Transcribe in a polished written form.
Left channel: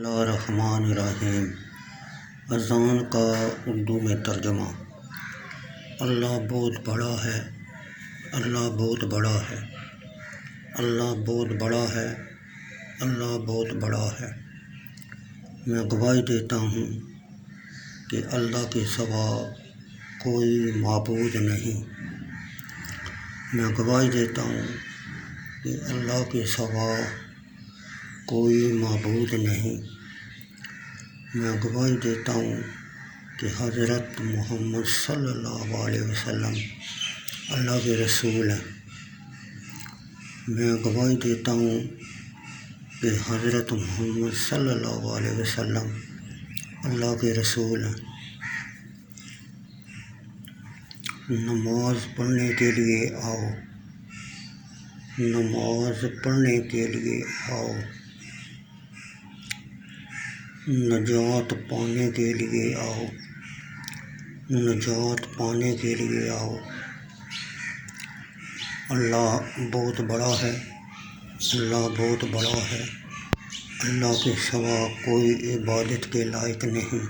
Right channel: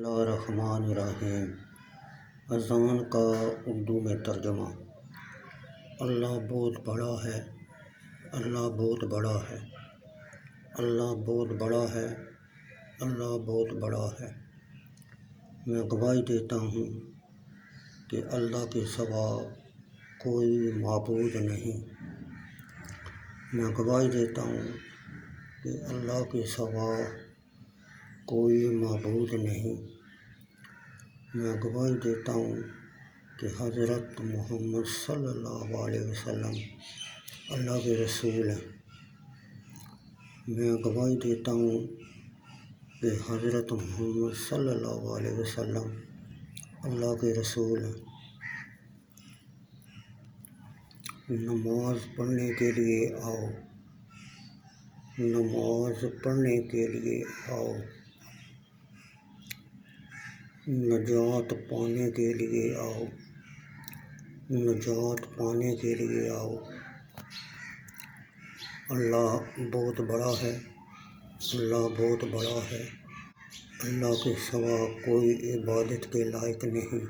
اللہ الرحمن الرحیم۔ اذان کا اردو میں ترجمہ۔ اللہ بہت بڑا ہے، اللہ بہت بڑا ہے، اللہ بہت بڑا ہے، اللہ بہت بڑا ہے۔ میں گواہی دیتا ہوں کہ اللہ کے سوا کوئی معبود نہیں۔ میں گواہی دیتا ہوں کہ اللہ کے سوا کوئی معبود نہیں۔ میں گواہی دیتا ہوں کہ حضرت محمد صلی اللہ علیہ وسلم اللہ کے رسول ہیں۔ میں گواہی دیتا ہوں کہ حضرت محمد صلی اللہ علیہ وسلم اللہ کے رسول ہیں۔ نماز پڑھنے کے لیے آؤ، نماز پڑھنے کے لیے آؤ، نجات پانے کے لیے آؤ، نجات پانے کے لیے آؤ۔ اللہ بہت بڑا ہے، اللہ بہت بڑا ہے، اللہ کے سوا کوئی عبادت کے لائق نہیں۔